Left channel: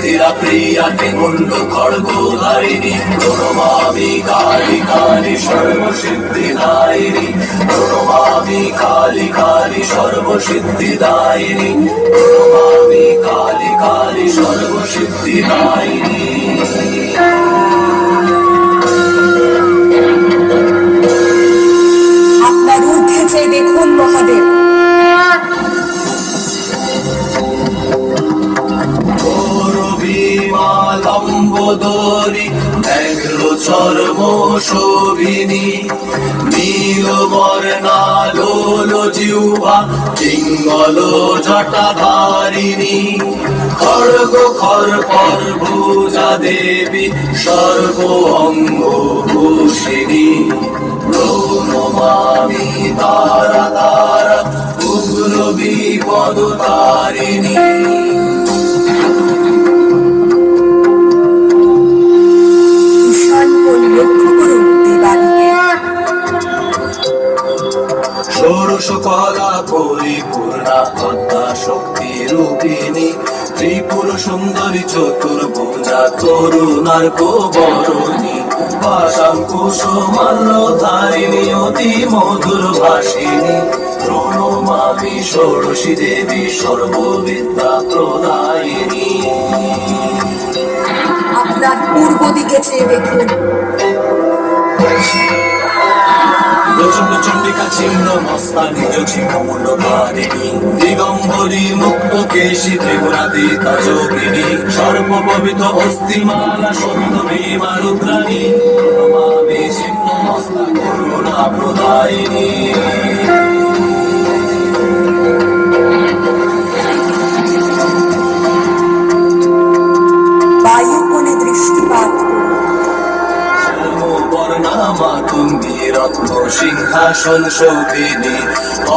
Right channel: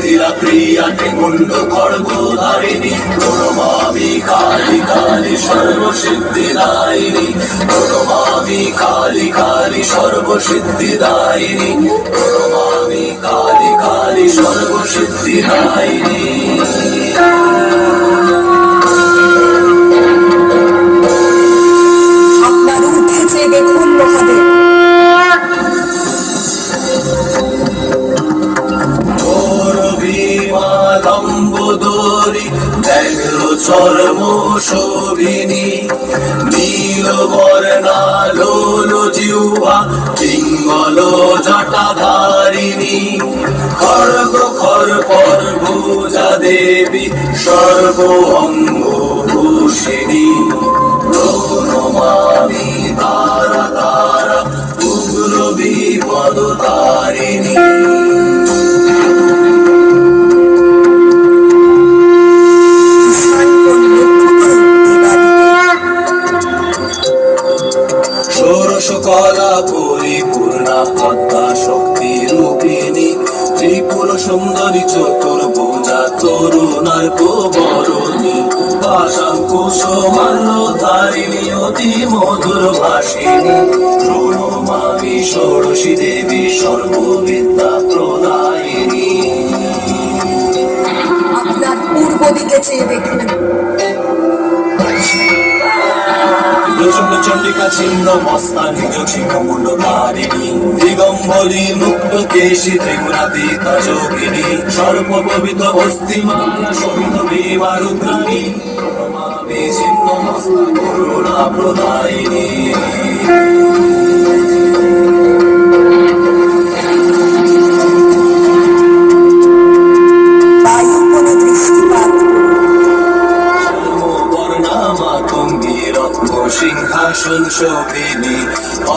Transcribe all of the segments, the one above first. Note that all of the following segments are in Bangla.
সিদ্ধিরা প্রিয়াকে মুন্ড খড়গধারিণী প্রণমামি কালী কালী সর্বসিদ্ধিদায়িনী প্রণমামি কালী কালী সর্বসিদ্ধিদায়িনী প্রণমামি কালী কালী সর্বসিদ্ধিদায়িনী। আপনার উঠেছে দেখুন মহাদেব। লম্বোদরী ব্যাঘ্র চর্ম শোভিনী নীলবর্ণা লোল জিহ্বা পিঙ্গল জটাধারিণী খড়গ খর্পর ভুজা দেবী সর্ব অঙ্গ ভূষিণী প্রণমামি তারা তারা উগ্র বিপদতারিণী। ষোড়শকলা পরিপূর্ণা পদ্মা শক্তি রূপিণী ত্রিপুর সুন্দরী চতুর্ভুজা তরুণার বরণী পাশাঙ্কুশমাল্যধারিণী অতি মধুর ভাষিণী প্রণমামি ষোড়শী দেবী সর্ববিদ্যা প্রদায়িনী। আপনার পূর্ব দিকে চেয়ে দেখুন। চন্ডিকা ছিন্ন মস্তানি যোগিনী দিগম্বরী মুক্ত কেশী ত্রিপুরাতীতা যোগিনী সর্বপবিত অস্থিমালা শোভিত ভীমা রুদ্রাণী প্রণমামি ছিন্ন মস্তা করুণা প্রদায়িনী। সিংহাসন শোভিনী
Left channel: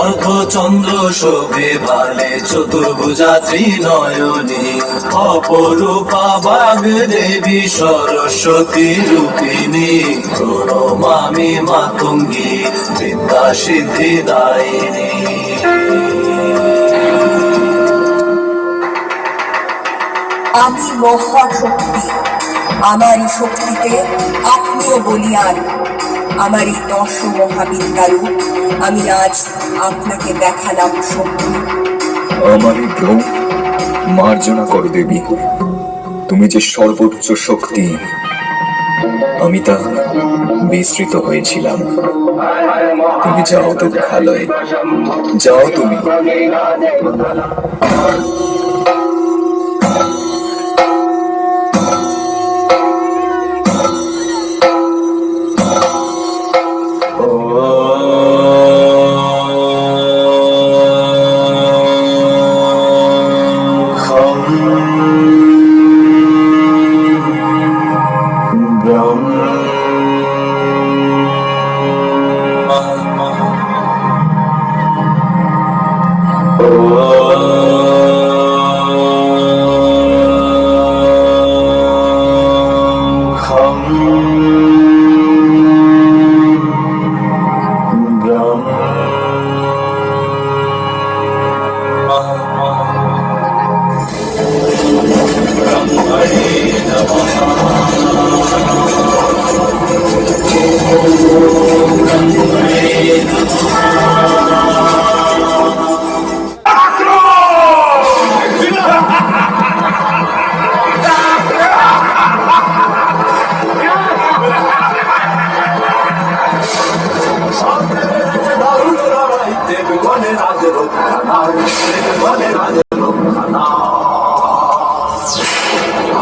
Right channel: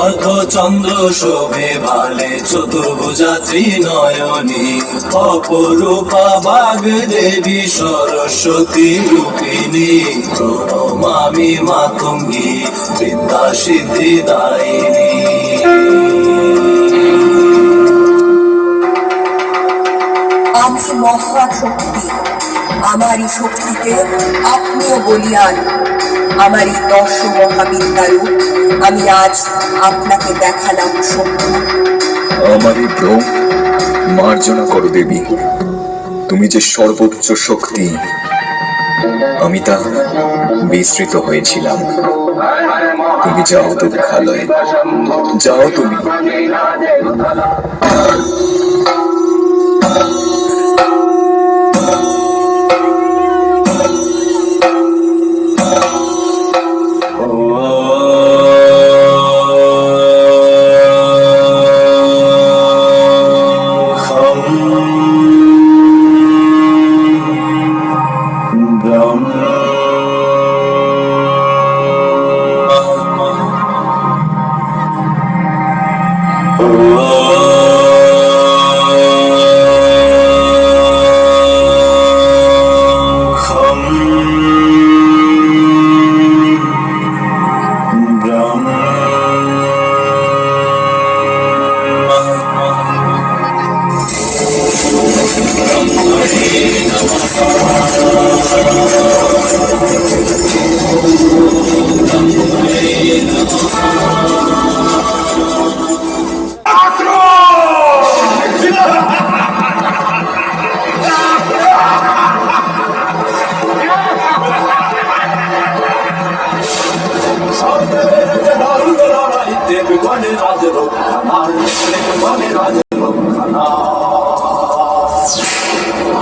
অর্ধচন্দ্র শোভে ভালে চতুর্ভুজা ত্রিনয়নী অপরূপা বাগ দেবী সরস্বতী রূপিণী প্রণমামি মাতঙ্গী বিদ্যা সিদ্ধিদায়িনী। আমি মহাশক্তি, আমারই শক্তিতে আপনিও বলিয়ান। আমার এই 10 মহাবিদ্যারূপ আমি আজ আপনাকে দেখালাম শক্তি। আমারই ভ্রম মার্জনা করো দেবী, তুমি যে সর্বোচ্চ শক্তি, আমি তা বিস্মৃত হয়েছিলাম। তুমি যাও দুঃখালয়ে, যাও তুমি।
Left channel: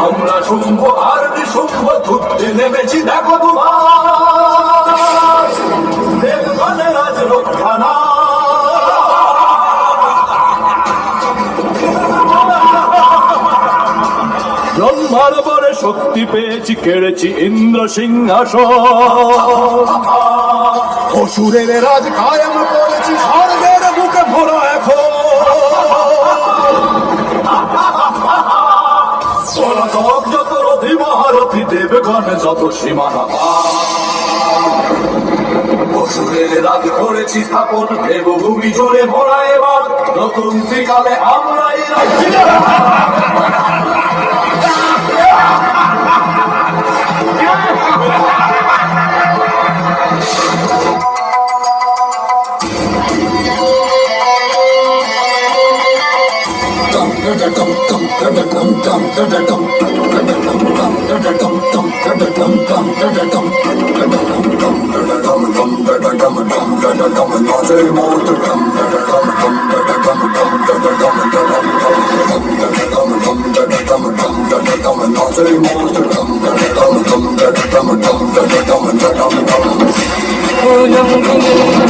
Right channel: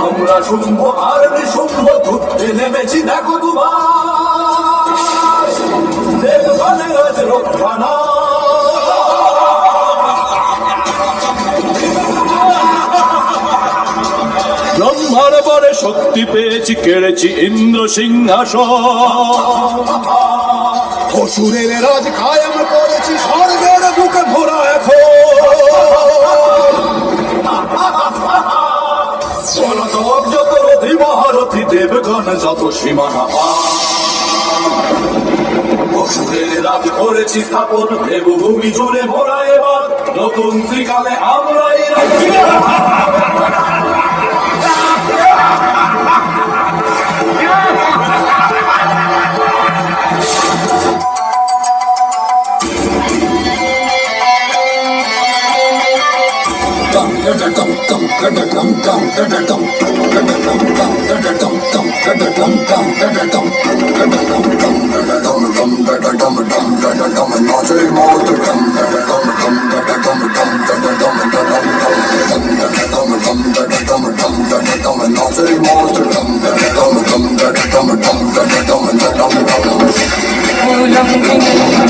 আমরা শুনব আর শুনব ধুতে নেমেছি দেখো তোমার দেবগণে রাজ রক্ষানা। ব্রহ্মার পরে শক্তি পেয়েছি, কেড়েছি ইন্দ্র সিংহাসন, অসুরের রাজ কায়েম করেছি, স্বর্গের বুকে ভরা এখন যত রথি মহারথী দেবগণ যত সীমানা অসুরের রাজ করেছি স্থাপন, দেবভূমি জুড়ে ভরা এবার নতুন ত্রিকালে আমরাই রাজ্য।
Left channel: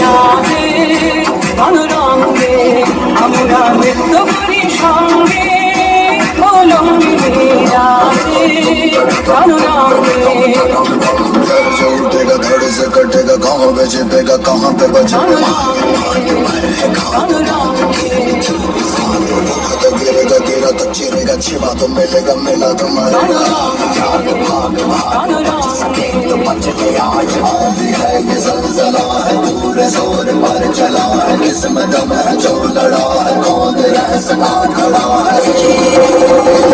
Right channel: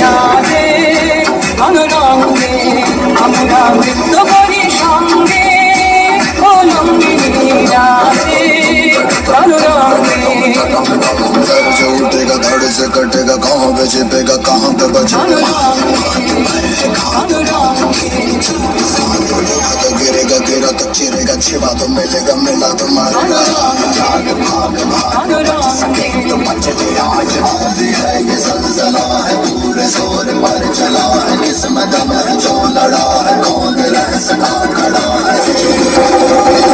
নাচে অনুরঙ্গে আমরা নৃত্য করি সঙ্গে লঙ্গিনী নাচে অনুরঙ্গে जो उठेगा धड़ से कटेगा कहाँ पे छिपेगा कहाँ पे बचेगा तो गिरेगा गिरा तो चिरेगा छिपा तो मिलेगा मिला तो मरेगा तो बचते आज भी है ये ज़लज़ला है पूरे जोर पर चला है किस्मत में जो लड़ा है कौन रह सका खड़ा है